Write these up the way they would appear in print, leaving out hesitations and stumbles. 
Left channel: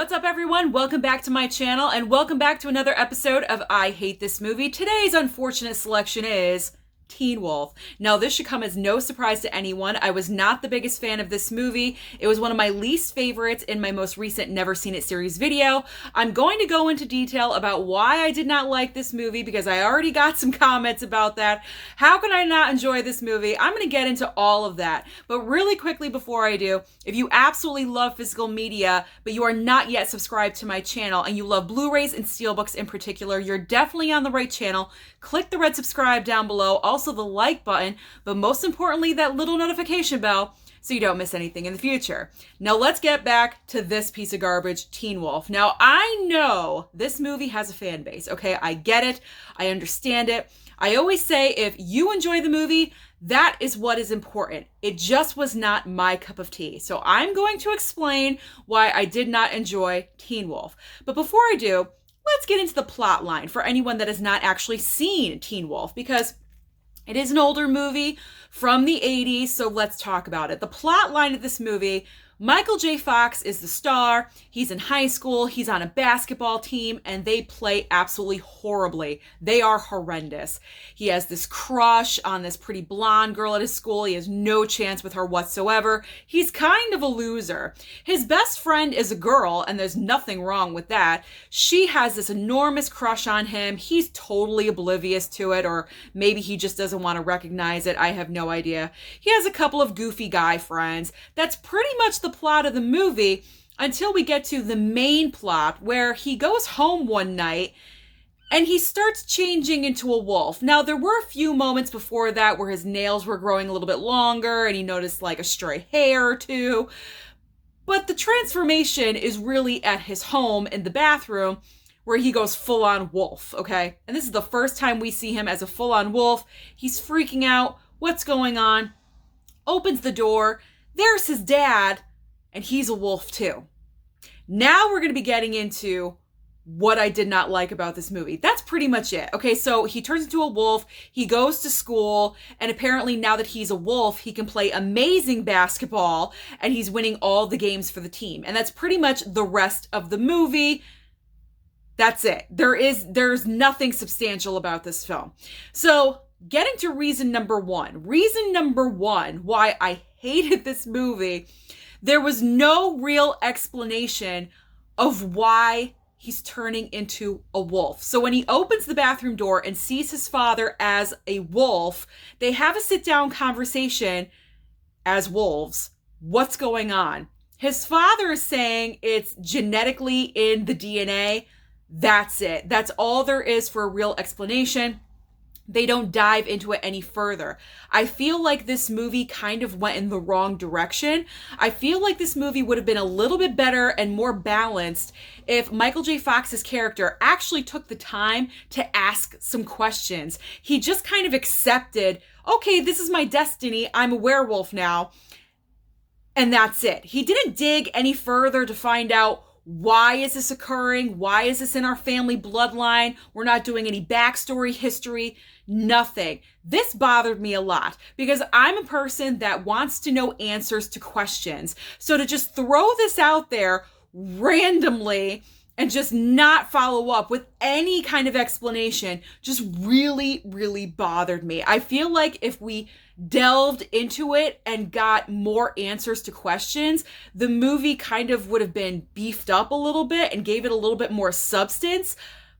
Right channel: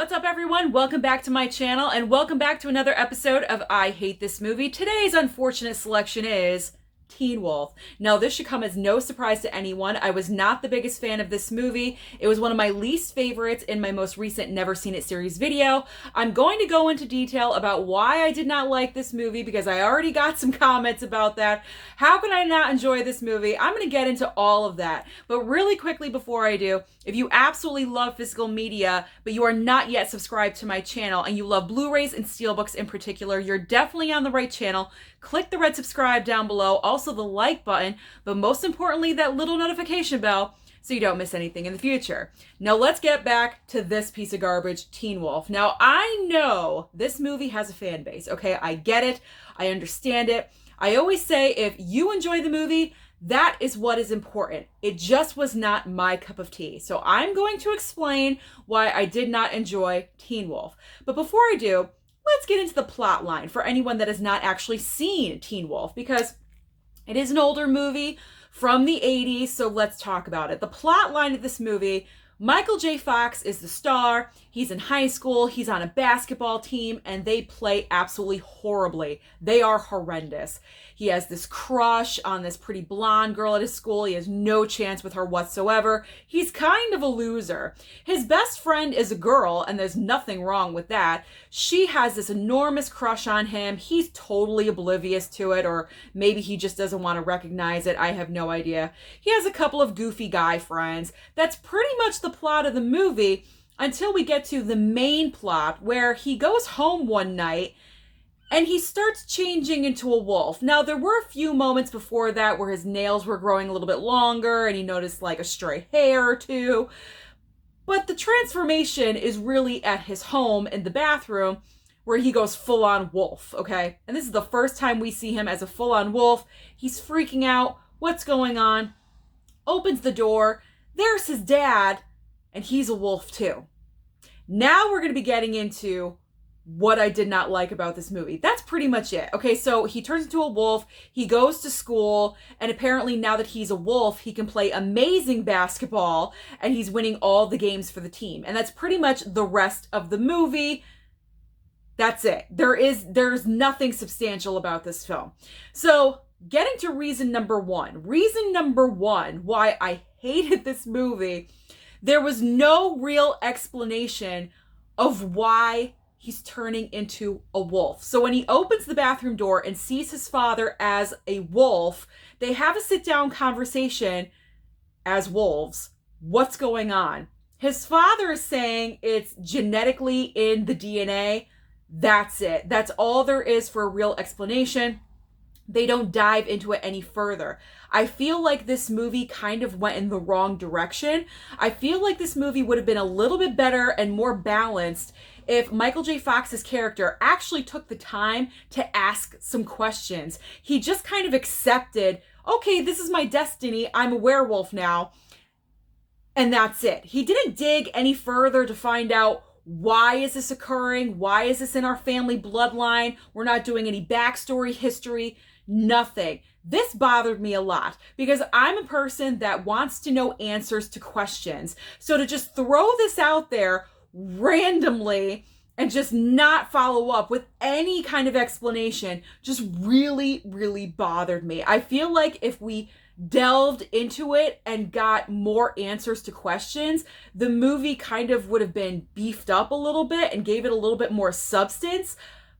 What's up, everyone? Welcome back to my channel and welcome back to another episode of I Hate This Movie. Today's unfortunate selection is Teen Wolf. Now, this should come as no surprise to anyone. I was not the biggest fan of this movie. It was one of my least favorites in my most recent Never Seen It series video. I'm going to go into detail about why I did not like this movie because I already got some comments about that. How can I not enjoy this movie? I'm going to get into all of that. But really quickly before I do, if you absolutely love physical media, but you are not yet subscribed to my channel and you love Blu-rays and steelbooks in particular, you're definitely on the right channel. Click the red subscribe down below, also the like button, but most importantly, that little notification bell so you don't miss anything in the future. Now let's get back to this piece of garbage, Teen Wolf. Now I know this movie has a fan base, okay? I get it. I understand it. I always say if you enjoy the movie, that is what is important. It just was not my cup of tea. So I'm going to explain why I did not enjoy Teen Wolf. But before I do, let's get into the plot line for anyone that has not actually seen Teen Wolf, because it is an older movie from the 80s, so let's talk about it. The plot line of this movie: Michael J. Fox is the star. He's in high school. He's on a basketball team, and they play absolutely horribly. They are horrendous. He has this crush on this pretty blonde girl at his school. He has no chance with her whatsoever. He's kind of a loser. His best friend is a girl, and there's nothing wrong with that. She has this enormous crush on him. He's totally oblivious to it, or maybe he just doesn't want to recognize it. I have no idea. He has a couple of goofy guy friends. That's pretty much the plot of the movie until we get to the main plot, where he goes home one night and he starts changing into a wolf. Now, there were a few moments before that where his nails were growing a little bit longer and he noticed like a stray hair or two. But the transformation is really at his home in the bathroom, where he goes full-on wolf, okay? And this is the first time we see him as a full-on wolf. He's freaking out. What's going on? Opens the door. There's his dad, and he's a wolf too. Now we're going to be getting into what I did not like about this movie. That's pretty much it. Okay, so he turns into a wolf, he goes to school, and apparently now that he's a wolf, he can play amazing basketball, and he's winning all the games for the team. And that's pretty much the rest of the movie. That's it. There's nothing substantial about this film. So getting to reason number one. Reason number one why I hated this movie: there was no real explanation of why he's turning into a wolf. So when he opens the bathroom door and sees his father as a wolf, they have a sit-down conversation as wolves. What's going on? His father is saying it's genetically in the DNA. That's it. That's all there is for a real explanation. They don't dive into it any further. I feel like this movie kind of went in the wrong direction. I feel like this movie would have been a little bit better and more balanced if Michael J. Fox's character actually took the time to ask some questions. He just kind of accepted, okay, this is my destiny. I'm a werewolf now. And that's it. He didn't dig any further to find out, why is this occurring? Why is this in our family bloodline? We're not doing any backstory, history, nothing. This bothered me a lot because I'm a person that wants to know answers to questions. So to just throw this out there randomly and just not follow up with any kind of explanation just really, really bothered me. I feel like if we delved into it and got more answers to questions, the movie kind of would have been beefed up a little bit and gave it a little bit more substance.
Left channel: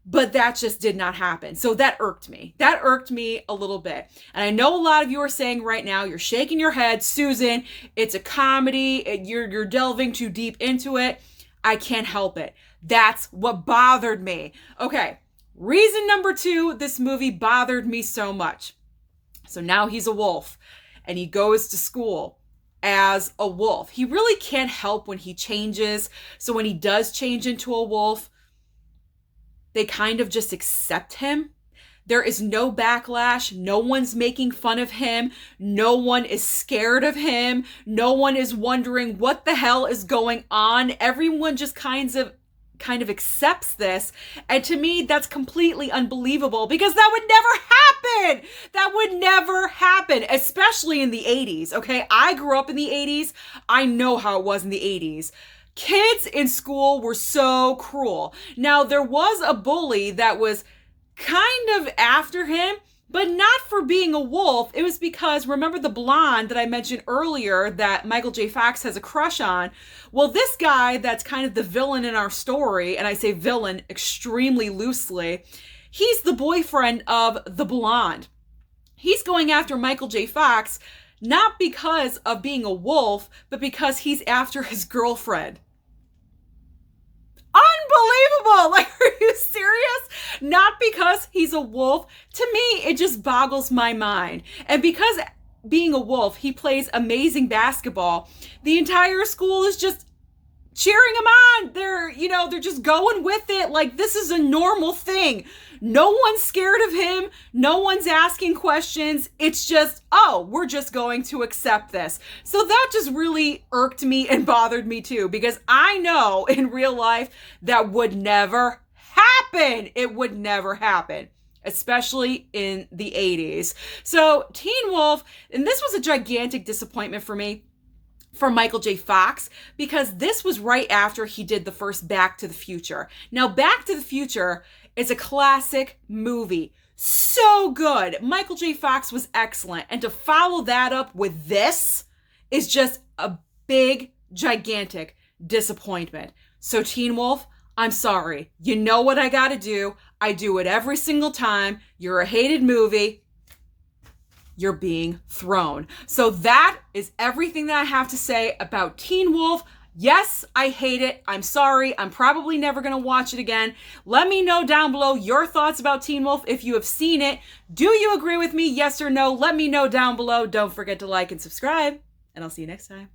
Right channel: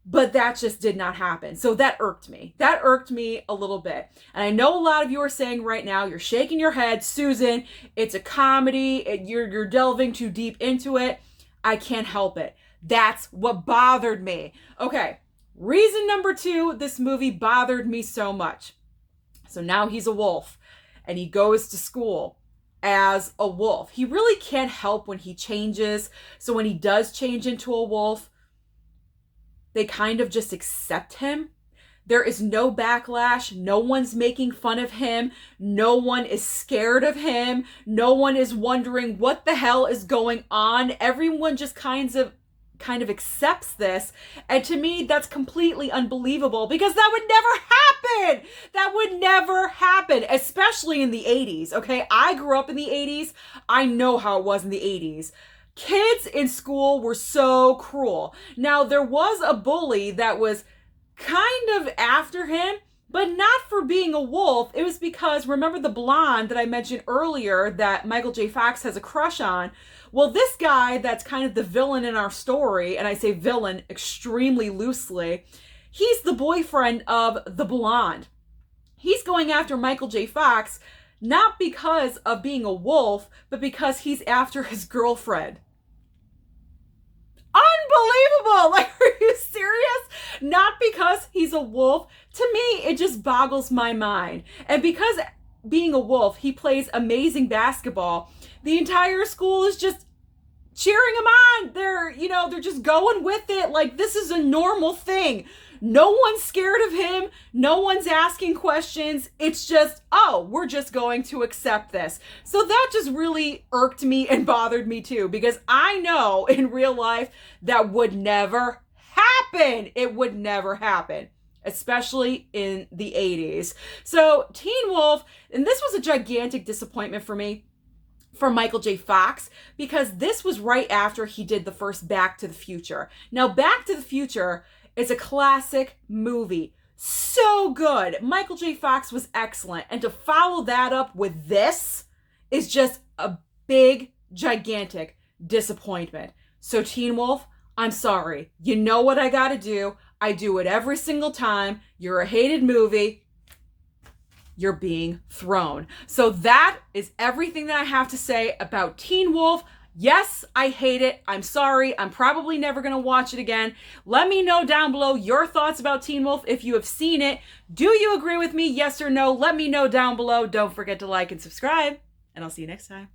But that just did not happen. So that irked me. That irked me a little bit. And I know a lot of you are saying right now, you're shaking your head, Susan, it's a comedy, you're delving too deep into it. I can't help it. That's what bothered me. Okay, reason number two, this movie bothered me so much. So now he's a wolf and he goes to school as a wolf. He really can't help when he changes. So when he does change into a wolf, they kind of just accept him. There is no backlash. No one's making fun of him. No one is scared of him. No one is wondering what the hell is going on. Everyone just kind of accepts this. And to me, that's completely unbelievable because that would never happen. That would never happen, especially in the 80s, okay? I grew up in the 80s. I know how it was in the 80s. Kids in school were so cruel. Now, there was a bully that was kind of after him, but not for being a wolf. It was because, remember the blonde that I mentioned earlier that Michael J. Fox has a crush on? Well, this guy that's kind of the villain in our story, and I say villain extremely loosely, he's the boyfriend of the blonde. He's going after Michael J. Fox not because of being a wolf, but because he's after his girlfriend. Unbelievable! Like, are you serious? Not because he's a wolf. To me, it just boggles my mind. And because being a wolf, he plays amazing basketball, the entire school is just cheering him on. They're just going with it. Like, this is a normal thing. No one's scared of him. No one's asking questions. It's just, oh, we're just going to accept this. So that just really irked me and bothered me too, because I know in real life that would never happen. It would never happen, especially in the 80s. So Teen Wolf, and this was a gigantic disappointment for me, for Michael J. Fox, because this was right after he did the first Back to the Future. Now, Back to the Future is a classic movie. So good. Michael J. Fox was excellent. And to follow that up with this is just a big, gigantic disappointment. So Teen Wolf, I'm sorry. You know what I gotta do. I do it every single time. You're a hated movie. You're being thrown. So that is everything that I have to say about Teen Wolf. Yes, I hate it. I'm sorry. I'm probably never going to watch it again. Let me know down below your thoughts about Teen Wolf if you have seen it. Do you agree with me? Yes or no? Let me know down below. Don't forget to like and subscribe, and I'll see you next time.